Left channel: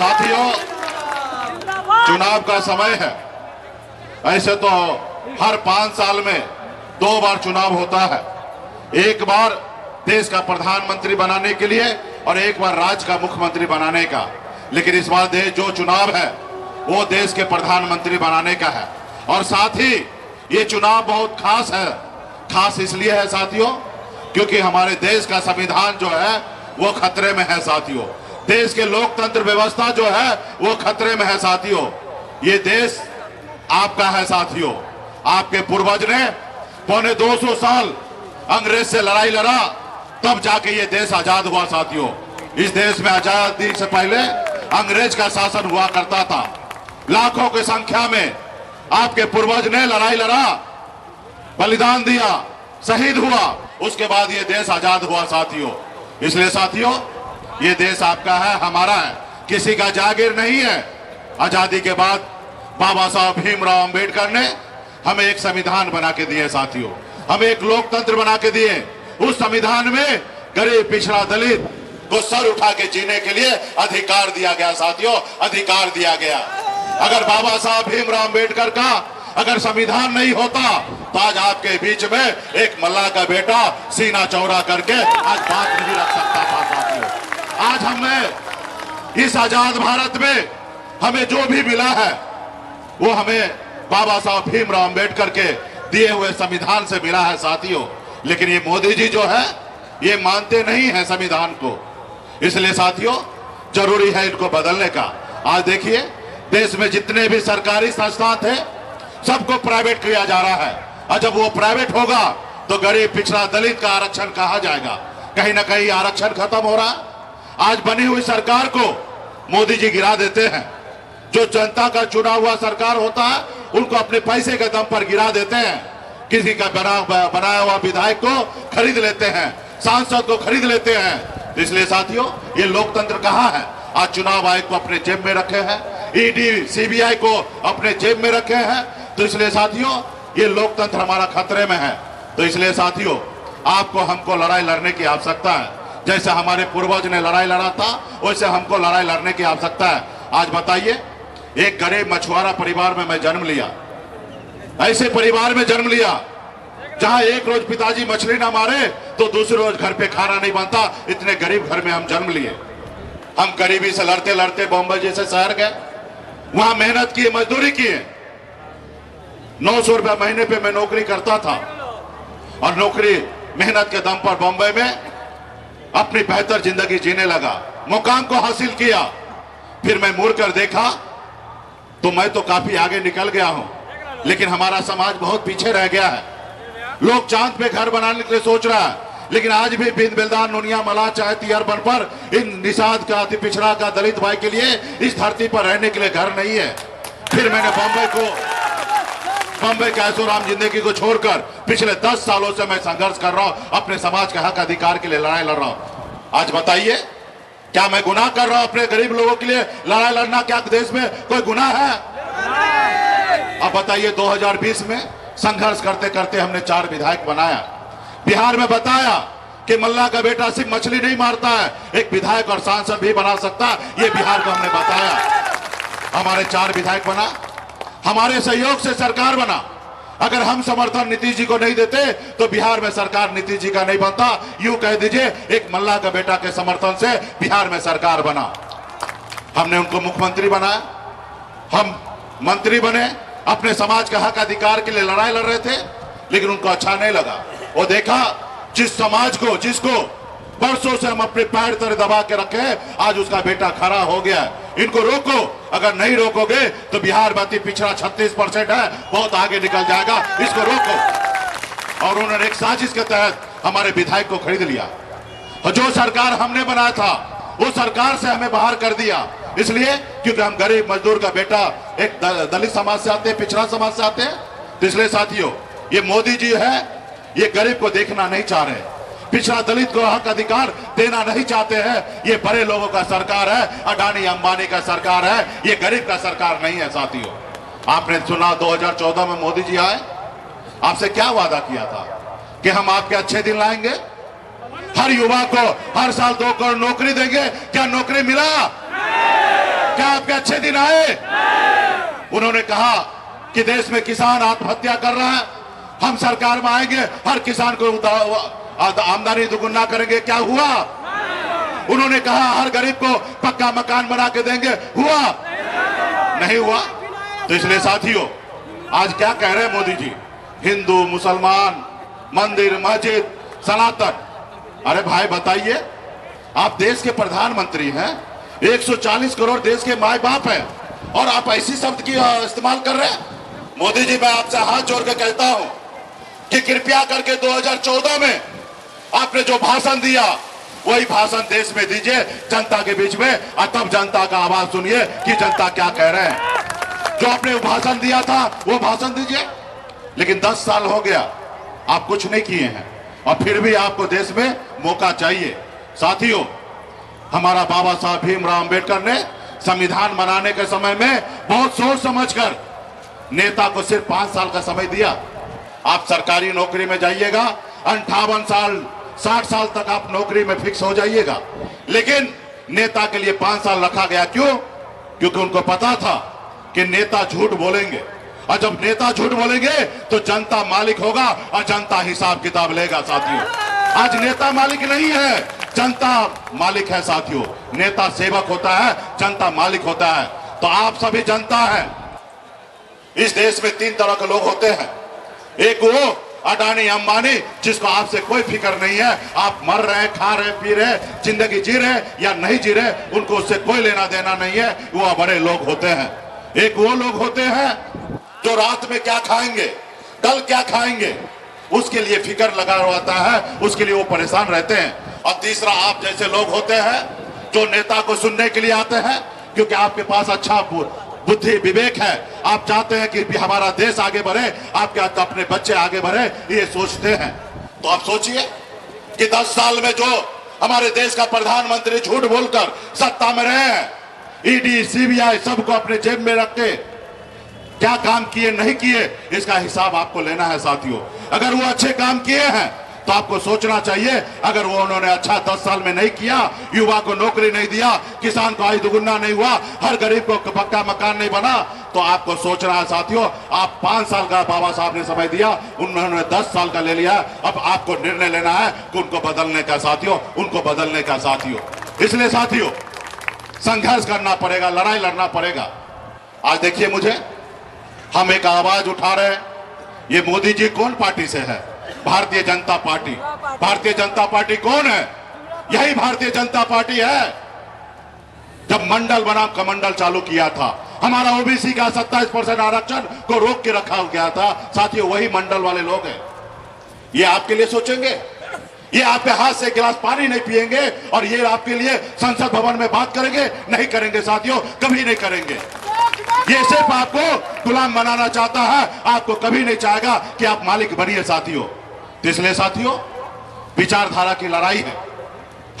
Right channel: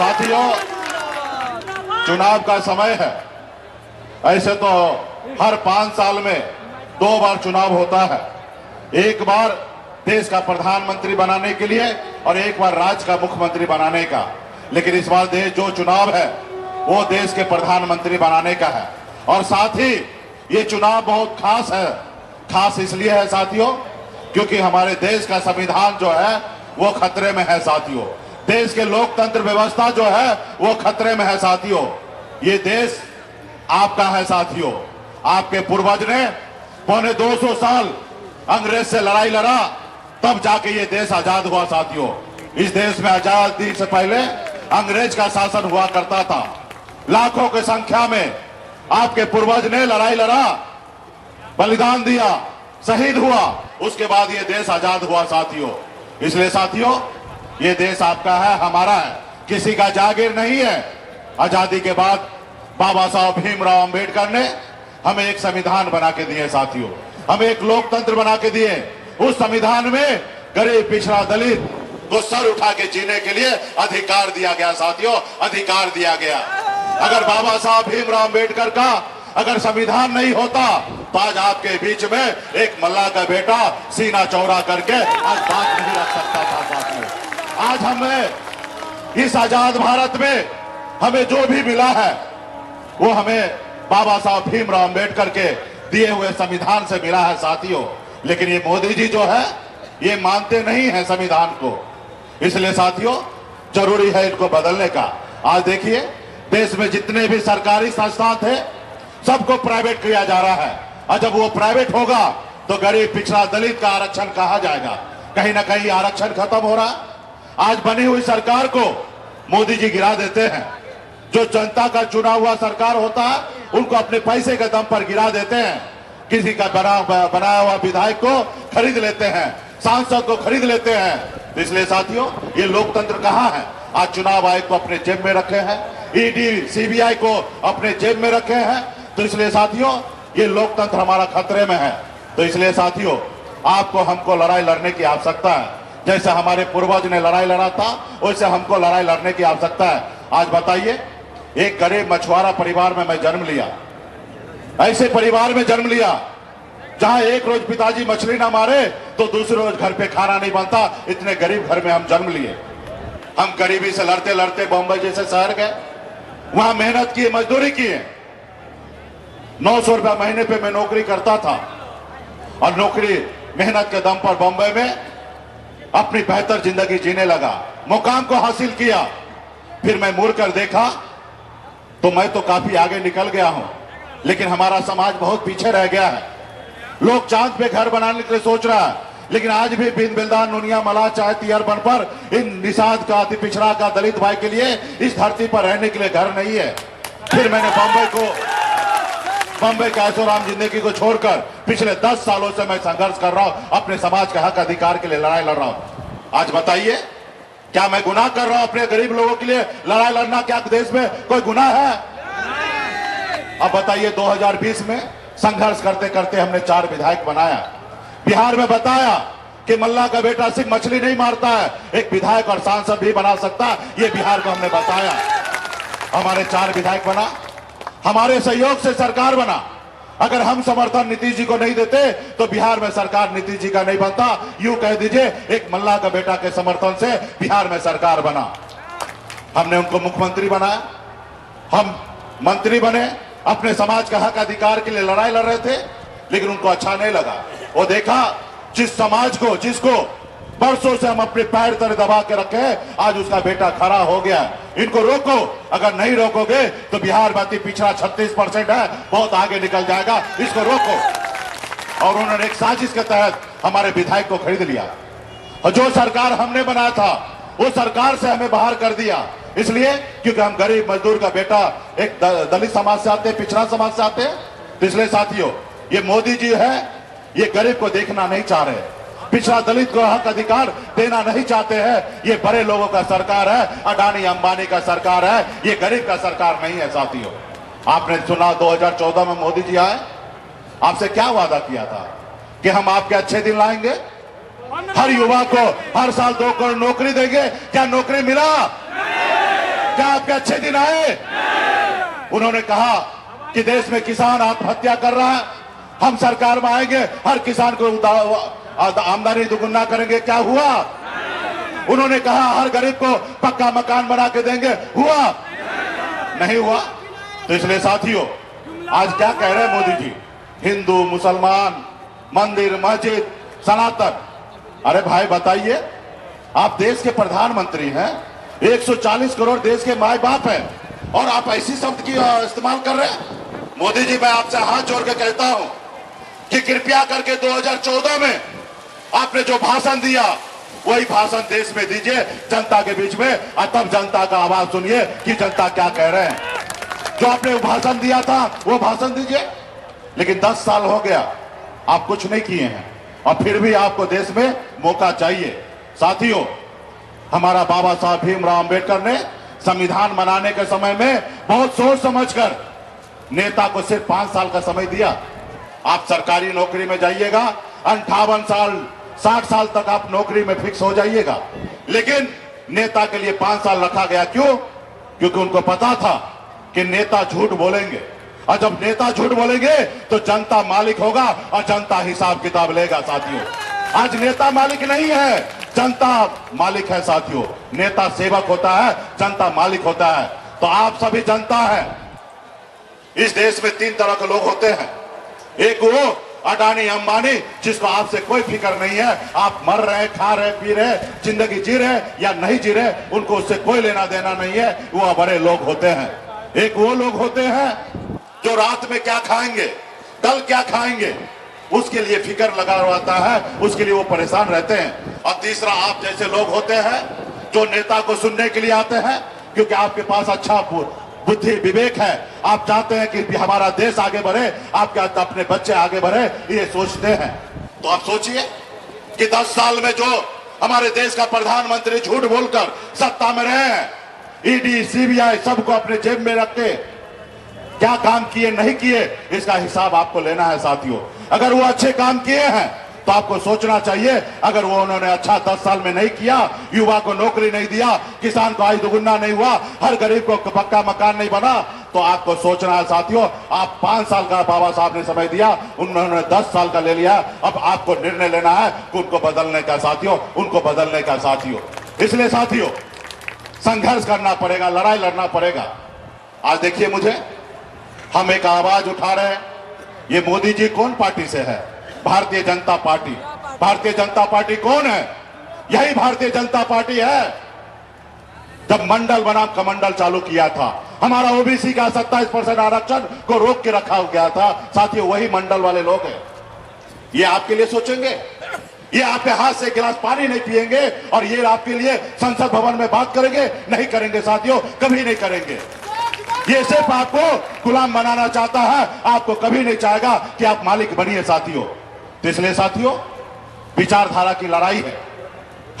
साथियों, चुनाव का समय है। ऐसे तो हर 5 साल में 2 बार चुनाव होता है, एक बार देश का प्रधानमंत्री बनाने के लिए और एक बार राज्य का मुख्यमंत्री बनाने का। लेकिन इस बार देश जो चुनाव है वो देश के प्रधानमंत्री बनाने का है। और साथ ही ये चुनाव बहुत खास है। खास इसलिए है साथियों क्योंकि हमारे देश का संविधान जो है वो खतरे में है साथियों। देश के लोकतंत्र व्यवस्था जो है वो खतरे में है साथियों। ये देश आपका है साथियों। आपके पूर्वज ने पौने 200 साल अंग्रेज से लड़ाई लड़ा, तब जाके ये देश आजाद हुआ साथियों। इस देश में आजादी से पहले अंग्रेज का शासन हुआ करता था। लाखों की संख्या में आपके पूर्वज ने लड़ाई लड़ा, बलिदान दिया, शहीद हुआ, उसके बाद ये देश आजाद हुआ साथियों। इसलिए साथियों ये देश आपका है, हमारा है, किसी का जागीर नहीं है। आजादी के बाद बाबा साहब भीमराव अंबेडकर ने हमें एक संविधान बना के दिए साथियों, हमें एक लोकतंत्र बना के दिए। उस संविधान में गरीब पिछड़ा दलित को सर उठा के जीने के लिए अधिकार दिया गया साथियों, अधिकार दिया गया। अगर बाबा साहब भीमराव अंबेडकर का अगर संविधान नहीं होता तो आज आपके बीच में एक मल्लाह का बेटा सीना चौड़ा करके आज बात नहीं रख सकता था साथियों। आज हमें इस आजाद भारत में हमें जो भी मिला है वो हमें बाबा साहब भीमराव अंबेडकर के दिए हुए संविधान से मिला है साथियों। लेकिन ये मोदी जी जो है ये मानते नहीं है संविधान को। इसलिए साथियों जरूरी है इनको बदलने का। आज देखिए देश में जितने भी सरकारी संस्थान थे सबको प्राइवेट किया जा रहा है, और जब वो प्राइवेट होगा तो गरीब पिछड़ा दलित का आरक्षण कहा जाएगा। कहीं ना कहीं आरक्षण खत्म हो रहा। आज बनी हुई सरकार को मोदी जी गिरा देते हैं। जो जनता का चुना हुआ सरकार होता है उनको अपने पैसे के दम पर गिरा देते हैं। किसी का बनाया हुआ विधायक को खरीद लेते हैं, सांसद को खरीद लेते हैं। इसलिए साथियों ये लोकतंत्र कहाँ है? आज चुनाव आयोग को अपने जेब में रखे हैं, ईडी सीबीआई को अपने जेब में रखे हैं। तो इसलिए साथियों ये लोकतंत्र हमारा खतरे में है। तो इसलिए साथियों आपको हमको लड़ाई लड़ने की आवश्यकता है। जैसे हमारे पूर्वज ने लड़ाई लड़ा था वैसे हमको लड़ाई लड़ने की आवश्यकता है। आज बताइए, एक गरीब मछुआरा परिवार में मैं जन्म लिया, ऐसे परिवार में जन्म लिया जहां एक रोज पिताजी मछली ना मारे तो दूसरे रोज घर पे खाना नहीं बनता। इतने गरीब घर में हम जन्म लिए। हम गरीबी से लड़ते लड़ते बॉम्बे जैसे शहर गए, वहां मेहनत की, मजदूरी की। 900 रुपए महीने पे मैं नौकरी करता था और नौकरी मेहनत के दम पर बॉम्बे में अपनी बेहतर जिंदगी जीने लगा, मुकाम को हासिल किया। फिर मैं मुड़ कर देखा तो मैं तो काफी आगे निकल गया हूं, लेकिन हमारा समाज बहुत पीछे रह गया है। लोग चांद पे घर बनाने के लिए सोच रहा है, लेकिन आज भी बिन बिलदान नुनिया मलाह चाहे तिहरबन पर इन निषाद का, अति पिछड़ा का, दलित भाई के लिए इस धरती पर रहने के लिए घर नहीं है। फिर मैंने बम्बई के ऐशोआराम जिंदगी को छोड़कर पिछले 10 सालों से मैं संघर्ष कर रहा हूं, अपने समाज के हक अधिकार के लिए लड़ाई लड़ रहा हूं। आज बताइए क्या मैं गुनाह कर रहा हूं? अपने गरीब लोगों के लिए लड़ाई लड़ना क्या देश में कोई गुनाह है? अब बताइए 2020 में संघर्ष करते करते हमने 4 विधायक बनाया। बिहार में बताया कि मल्लाह का बेटा सिर्फ मछली नहीं मारता है, एक विधायक और सांसद भी बना सकता है। ये बिहार को हमने बताया। हमारे 4 विधायक बना, हमारे सहयोग से सरकार बना। अगर हम समर्थन नीतीश जी को नहीं देते तो बिहार में सरकार नीतीश जी का नहीं बनता। यूं कह दीजिए एक मल्लाह का बेटा के समर्थन से बिहार में सरकार बना। हमने उनको मुख्यमंत्री बनाया, हम मंत्री बने, अपने समाज के हक अधिकार के लिए लड़ाई लड़ रहे थे। लेकिन उनको अच्छा नहीं लगा। वो देखा जिस समाज को, जिसको बरसों से हम अपने पैर तले दबा के रखे, आज उसका बेटा खड़ा हो गया। इनको रोको, अगर नहीं रोकोगे तो बिहार बाकी पिछड़ा 36% है, बहुत आगे निकल जाएगा, इसको रोको। और उन्होंने एक साजिश के तहत हमारे विधायक को खरीद लिया। और जो सरकार हमने बनाया था वो सरकार से हमें बाहर कर दिया। इसलिए क्योंकि हम गरीब मजदूर का बेटा एक दलित समाज से आते, पिछड़ा समाज से आते। इसलिए साथियों ये मोदी जी है, ये गरीब को देखना नहीं चाह रहे, पिछड़ा दलित को हक अधिकार देना नहीं चाहते हैं। ये बड़े लोगों का सरकार है, अडानी अंबानी का सरकार है, ये गरीब का सरकार नहीं है साथियों। आपने सुना 2014 में मोदी जी आए, आपसे क्या वादा किया था कि हम आपके अच्छे दिन लाएंगे, हर युवा को हर साल 2 करोड़ नौकरी देंगे। क्या नौकरी मिला? क्या आपके अच्छे दिन आए? उन्होंने कहा कि देश में किसान आत्महत्या कर रहा है, हम सरकार में आएंगे हर किसान को आमदनी दुगुना करेंगे। क्या हुआ? उन्होंने कहा हर गरीब को पक्का मकान बना के देंगे। हुआ? नहीं हुआ। तो इसलिए साथियों, आज क्या कह रहे हैं मोदी जी? हिंदू, मुसलमान, मंदिर, मस्जिद, सनातन। अरे भाई बताइए, आप देश के प्रधानमंत्री हैं, 140 करोड़ देश के माए बाप हैं, और आप ऐसी शब्द की इस्तेमाल कर रहे हैं। मोदी जी, मैं आपसे हाथ जोड़ के कहता हूं कि कृपया करके 2014 में आपने जो भाषण दिया वही भाषण देश में दीजिए, जनता के बीच में, और तब जनता का आवाज सुनिए कि जनता क्या कह रहे हैं। जो आपने भाषण दिया था वो भाषण दीजिए। लेकिन 10 साल हो गया, आप कुछ नहीं किए हैं, और फिर भी आपको देश में मौका चाहिए। साथियों, हमारा बाबा साहब भीमराव अंबेडकर ने संविधान बनाने के समय में बहुत सोच समझकर नेता को सिर्फ 5 साल का समय दिया। आप सरकारी नौकरी में जाइएगा, 58 साल 60 साल तक आप नौकरी में फिक्स हो जाइएगा। लेकिन नेता के लिए 5 साल रखा गया। क्यों? क्योंकि उनको पता था कि नेता झूठ बोलेंगे, और जब नेता झूठ बोलेंगे तो जनता मालिक होगा, और जनता हिसाब किताब लेगा। साथियों, आज नेता मालिक नहीं है, जनता मालिक है। साथियों, नेता सेवक होता है, जनता मालिक होता है। तो आप सभी जनता है। इस देश में 3 तरह के लोग होते हैं। एक वो अडानी अंबानी, जिसको आपसे कोई फिक्र नहीं है, आप मर रहे, खा रहे, पी रहे, जिंदगी जी रहे या नहीं जी रहे, उनको उससे कोई लेना देना नहीं है। वो बड़े लोग होते हैं। एक वो लोग होते हैं जो रात में क्या खाएंगे, कल क्या खाएंगे, उसके लिए फिक्र लगा रहता है, उसके लिए वो परेशान रहते हैं। और तीसरा आप जैसे लोग होते हैं जो नेता को सुनने के लिए आते हैं, क्योंकि आपके पास अच्छा बुद्धि विवेक है, आप चाहते हैं कि हमारा देश आगे बढ़े, आपके अपने बच्चे आगे बढ़े, ये सोचते हैं। तो आप सोचिए कि 10 साल में जो हमारे देश का प्रधानमंत्री झूठ बोलकर सत्ता में रहे हैं, ईडी, सीबीआई सबको अपने जेब में रख के क्या काम किए नहीं किए, इसका हिसाब आपको लेना है। साथियों, अगर वो अच्छे काम किए हैं तो आपको सोचना चाहिए। अगर वो उन्होंने अच्छा 10 साल में नहीं किया, युवा को नौकरी नहीं दिया, किसान को आय दुगुना नहीं हुआ, हर गरीब को पक्का मकान नहीं बना, तो आपको सोचना है। साथियों, आप 5 साल का बाबा साहब ने समय दिया, उन्होंने 10 साल का ले लिया। अब आपको निर्णय लेना है कि उनको बदलने का। साथियों, उनको बदलने का। साथियों, इसलिए साथियों, संघर्ष करना पड़ेगा, लड़ाई लड़ना पड़ेगा। आज देखिए, मुझे हम एक आवाज उठा रहे हैं। ये मोदी जी कौन पार्टी से है? भारतीय जनता पार्टी। भारतीय जनता पार्टी कौन है? यही भारतीय जनता पार्टी है। जब मंडल बनाम कमंडल चालू किया था, हमारा ओबीसी का 27% आरक्षण को रोक के रखा गया था। साथियों, वही मंडल वाले लोग हैं। ये आपके लिए सोचेंगे? ये आपके हाथ से गिलास पानी नहीं पिएंगे, और ये आपके लिए संसद भवन में बात करेंगे? नहीं करेंगे साथियों, कभी नहीं करेंगे। ये सिर्फ आपको गुलाम बनाना चाहता है, आपको कभी नहीं चाहेगा कि आप मालिक बनिए। साथियों, इसलिए साथियों, विचारधारा की लड़ाई है।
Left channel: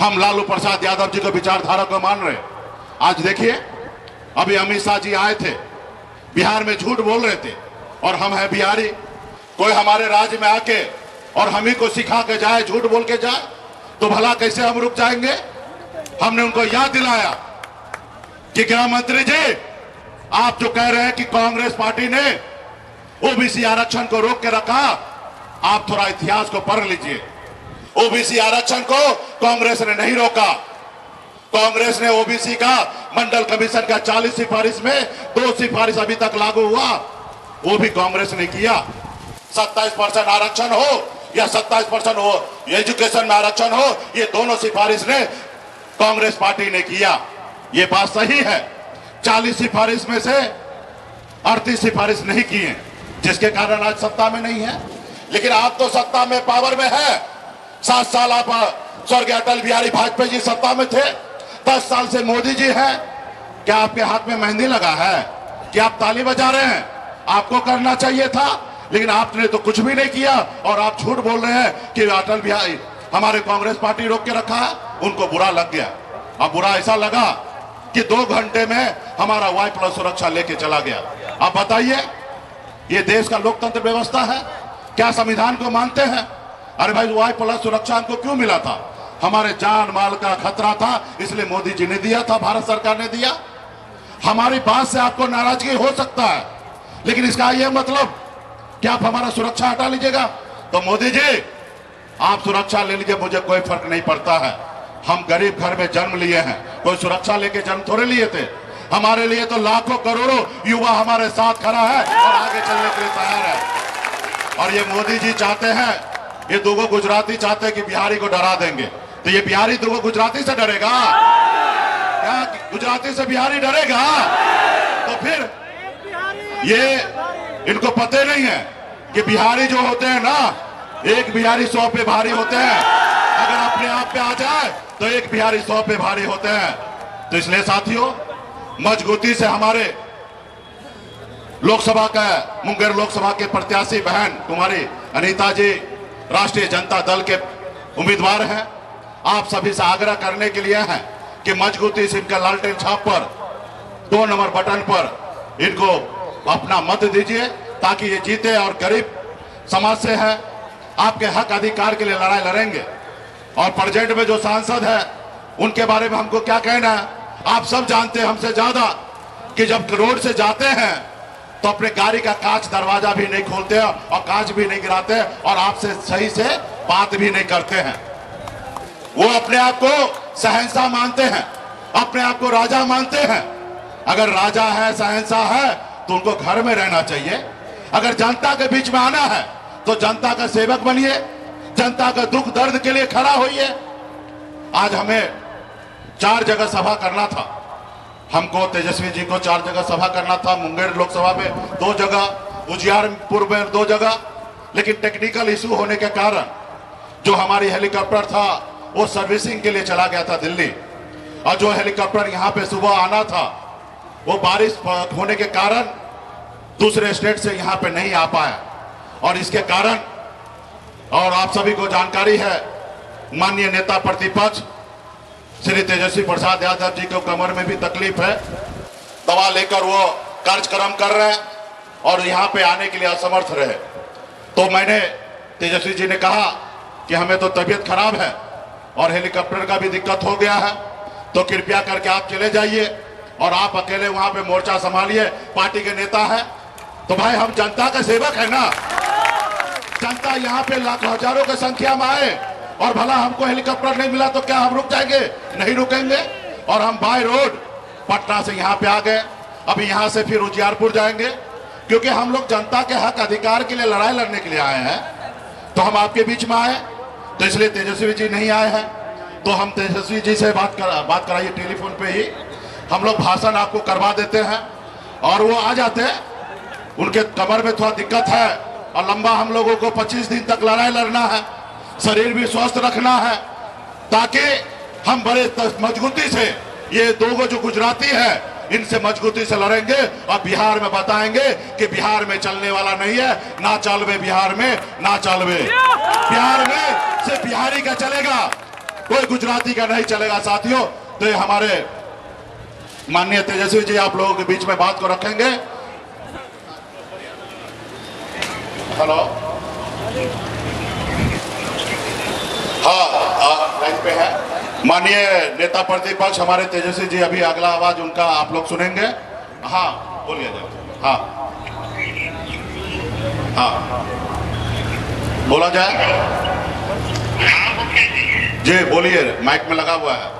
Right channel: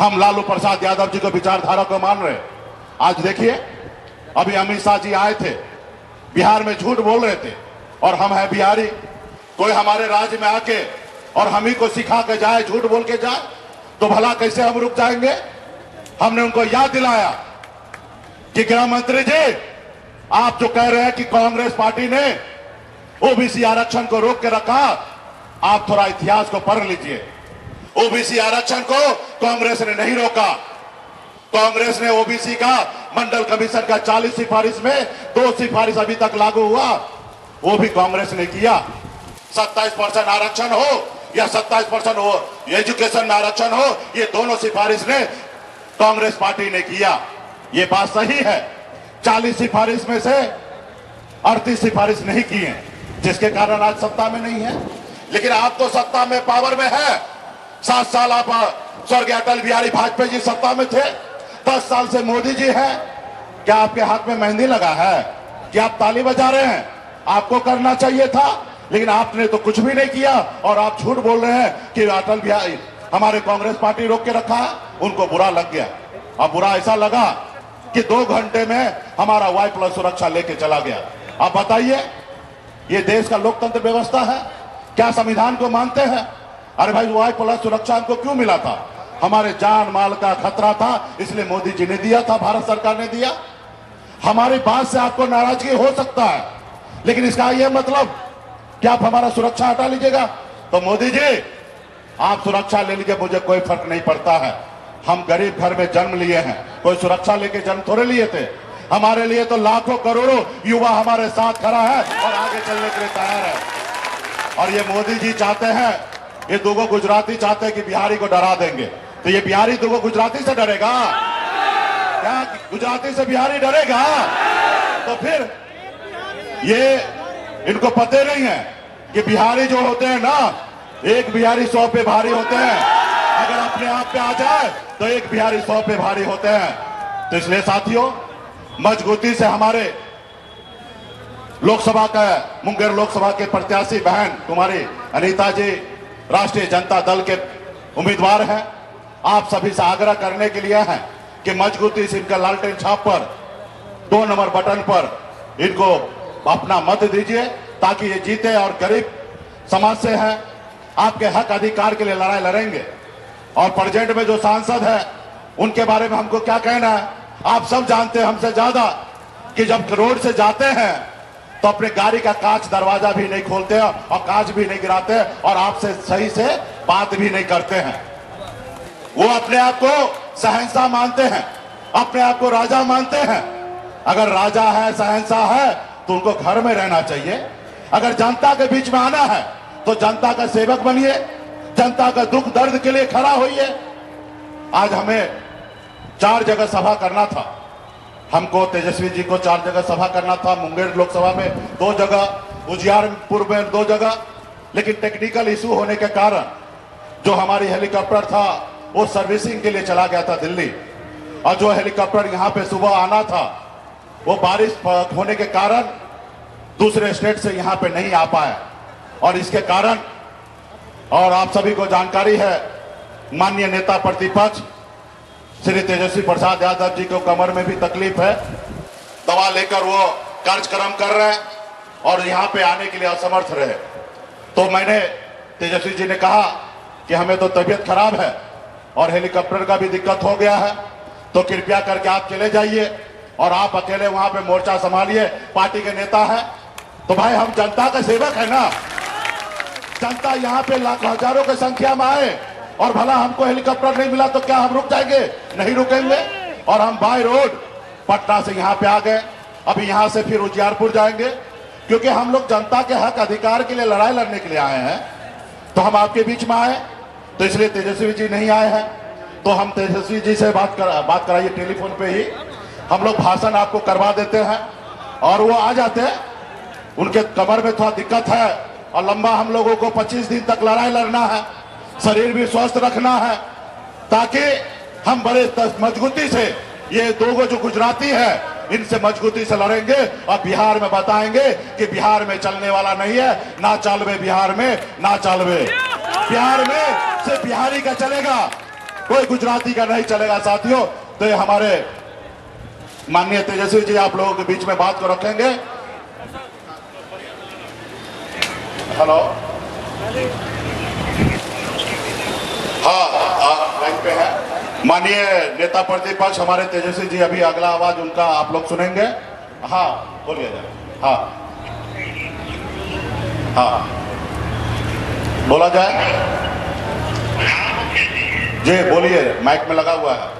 हम लालू प्रसाद यादव जी को विचारधारा को मान रहे। आज देखिए, अभी अमित शाह जी आए थे, बिहार में झूठ बोल रहे थे, और हम हैं बिहारी। कोई हमारे राज्य में आके और हम ही को सिखा के जाए, झूठ बोल के जाए, तो भला कैसे हम रुक जाएंगे? हमने उनको याद दिलाया कि गृह मंत्री जी, आप जो कह रहे हैं कि कांग्रेस पार्टी ने ओबीसी आरक्षण को रोक के रखा, आप थोड़ा इतिहास को पढ़ लीजिए। ओबीसी आरक्षण को कांग्रेस ने नहीं रोका। कांग्रेस ने ओबीसी का मंडल कमीशन का 40 सिफारिश में 2 सिफारिश अभी तक लागू हुआ, वो भी कांग्रेस ने किया। 27% आरक्षण हो या 27% हो एजुकेशन में आरक्षण हो, ये दोनों सिफारिश ने कांग्रेस पार्टी ने किया। ये बात सही है। 40 सिफारिश में से 38 सिफारिश नहीं की है, जिसके कारण आज सत्ता में नहीं है। लेकिन आप तो सत्ता में, पावर में है। 7 साल आप स्वर्गीय अटल बिहारी वाजपेयी जी सत्ता में थे, 10 साल से मोदी जी हैं। क्या आपके हाथ में मेहंदी लगा है कि आप ताली बजा रहे हैं? आपको करना चाहिए था, लेकिन आपने तो कुछ भी नहीं किया, और आप झूठ बोल रहे हैं कि अटल बिहारी हमारे कांग्रेस पार्टी रोक के रखा है। उनको बुरा लग गया। अब बुरा ऐसा लगा कि 2 घंटे में हमारा Y+ सुरक्षा लेके चला गया। अब बताइए, ये देश का लोकतंत्र व्यवस्था है? क्या संविधान को मानते हैं? अरे भाई, Y+ सुरक्षा हमको क्यों मिला था? हमारे जान माल का खतरा था, इसलिए मोदी जी ने दिया था, भारत सरकार ने दिया। हमारी बात से आपको नाराजगी हो सकता है, लेकिन इसका यह मतलब कि आप हमारा सुरक्षा हटा लीजिएगा। तो मोदी जी, आप सुरक्षा ले लीजिए, मुझे कोई फर्क नहीं पड़ता है। हम गरीब घर में जन्म लिए हैं, कोई सुरक्षा लेके जन्म थोड़े लिए थे। हमारे लिए तो लाखों करोड़ों युवा हमारे साथ खड़ा है और आगे चलने के लिए तैयार है। और ये मोदी जी चाहते हैं, ये दुगो गुजराती चाहते हैं कि बिहारी को डरा देंगे। तो ये बिहारी दुगो गुजराती से डरेगा क्या? गुजराती से बिहारी डरेगा? तो फिर ये इनको पता नहीं है कि बिहारी जो होते हैं ना, एक बिहारी 100 पे भारी होते हैं। अगर अपने आप पे आ जाए तो एक बिहारी 100 पे भारी होते हैं। तो इसलिए साथियों, मजबूती से हमारे लोकसभा का मुंगेर लोकसभा के प्रत्याशी बहन कुमारी अनीता जी राष्ट्रीय जनता दल के उम्मीदवार हैं। आप सभी से आग्रह करने के लिए हैं कि मजबूती से इनका लालटेन छाप पर 2 नंबर बटन पर इनको अपना मत दीजिए, ताकि ये जीते और गरीब समाज से है, आपके हक अधिकार के लिए लड़ाई लड़ेंगे। और प्रेजेंट में जो सांसद है उनके बारे में हमको क्या कहना है, आप सब जानते हैं हमसे ज्यादा कि जब रोड से जाते हैं तो अपने गाड़ी का कांच दरवाजा भी नहीं खोलते हैं और कांच भी नहीं गिराते हैं और आपसे सही से बात भी नहीं करते हैं। वो अपने आप को शहंशाह मानते हैं, अपने आप को राजा मानते हैं। अगर राजा है, शहंशाह है, तो उनको घर में रहना चाहिए। अगर जनता के बीच में आना है तो जनता का सेवक बनिए, जनता का दुख दर्द के लिए खड़ा होइए। आज हमें 4 जगह सभा करना था, हमको तेजस्वी जी को 4 जगह सभा करना था। मुंगेर लोकसभा में 2 जगह, उजियारपुर में 2 जगह, लेकिन टेक्निकल इशू होने के कारण जो हमारी हेलीकॉप्टर था वो सर्विसिंग के लिए चला गया था दिल्ली, और जो हेलीकॉप्टर यहाँ पे सुबह आना था वो बारिश होने के कारण दूसरे स्टेट से यहाँ पे नहीं आ पाया। और इसके कारण, और आप सभी को जानकारी है, माननीय नेता प्रतिपक्ष श्री तेजस्वी प्रसाद यादव जी को कमर में भी तकलीफ है, दवा लेकर वो कार्यक्रम कर रहे हैं और यहाँ पे आने के लिए असमर्थ रहे। तो मैंने, तेजस्वी जी ने कहा कि हमें तो तबीयत खराब है और हेलीकॉप्टर का भी दिक्कत हो गया है, तो कृपया करके आप चले जाइए और आप अकेले वहां पे मोर्चा संभालिए, पार्टी के नेता है। तो भाई, हम जनता का सेवक है ना, जनता यहाँ पे लाखों हजारों की संख्या में आए और भला हमको हेलीकॉप्टर नहीं मिला तो क्या हम रुक जाएंगे? नहीं रुकेंगे। और हम बाय रोड पटना से यहाँ पे आ गए, अभी यहाँ से फिर उजियारपुर जाएंगे, क्योंकि हम लोग जनता के हक अधिकार के लिए लड़ाई लड़ने के लिए आए हैं। तो हम आपके बीच में आए, तो इसलिए तेजस्वी जी नहीं आए हैं, तो हम तेजस्वी जी से बात कराइए टेलीफोन पे ही, हम लोग भाषण आपको करवा देते हैं और वो आ जाते हैं। उनके कमर में थोड़ा दिक्कत है और लंबा हम लोगों को 25 दिन तक लड़ाई लड़ना है, शरीर भी स्वस्थ रखना है, ताकि हम बड़े मजबूती से ये 2 जो गुजराती है इनसे मजबूती से लड़ेंगे और बिहार में बताएंगे कि बिहार में चलने वाला नहीं है, ना चलवे बिहार में, ना चलवे बिहार में, सिर्फ बिहारी का चलेगा, कोई गुजराती का नहीं चलेगा साथियों। तो ये हमारे माननीय तेजस्वी जी आप लोगों के बीच में बात को रखेंगे। हेलो, हाँ, आप लाइन पे हैं। माननीय नेता प्रतिपक्ष हमारे तेजस्वी जी, अभी अगला आवाज उनका आप लोग सुनेंगे। हाँ, बोलिए। हाँ हाँ, बोला जाए जी, बोलिए, माइक में लगा हुआ है।